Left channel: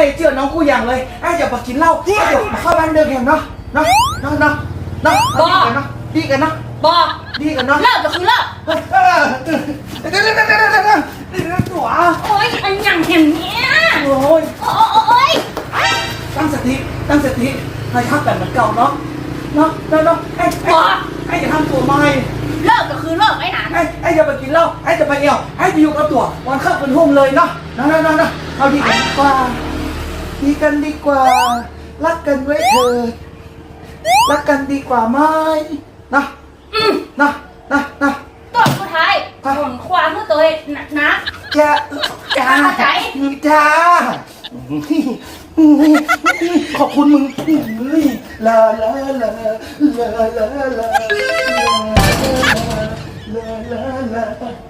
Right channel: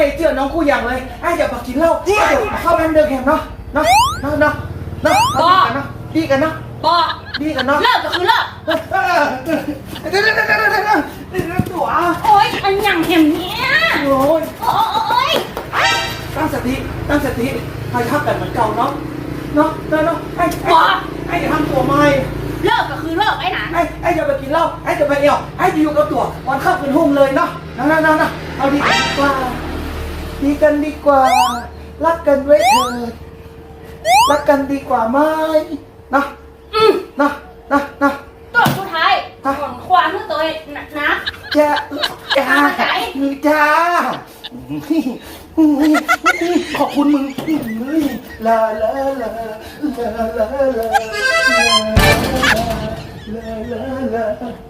ไอ้เจือน้องกูอย่างเลยไอ้จะมากินเหล้าไอ้จะมาเข้าบ้านเดินแข่งเนาะเนาะเนาะเนาะเนาะเอาดีกันเนาะดีกันเนาะบอกดีกันเนาะเลิกก็คือเลิกเออเออเดี๋ยวเดี๋ยวเดี๋ยวเดี๋ยวเดี๋ยวเดี๋ยวตัวโอ๊ยอันอย่างอย่างเนี้ยโอ้ยโอ้โอ๊ยตั้งสติตั้งสติให้ทักแบบเหมือนเก่าเนาะเนาะเนาะเนาะไอ้ไอ้ไอ้จะทำตัวใหม่เลิกก็คือเลิกไอ้หนานไอ้ไอ้จะไปกินเหล้าไอ้จะไปเอี่ยวไอ้จะอยู่กับตัววันเข้าเป็นหุ่มเลยเนาะนะนะนะนะเอาดีกันดีกว่า ดีกันดีกว่า รักกันไว้เถิดรักกันดีกว่าไหมนะอืมนะนะนะตัวสุดท้ายฮะผลความเมื่อตัวนะนะจ้าจ้าเข้าใจจ้าขอบคุณมึงลาลาลาลาลาลาลาลาลาลา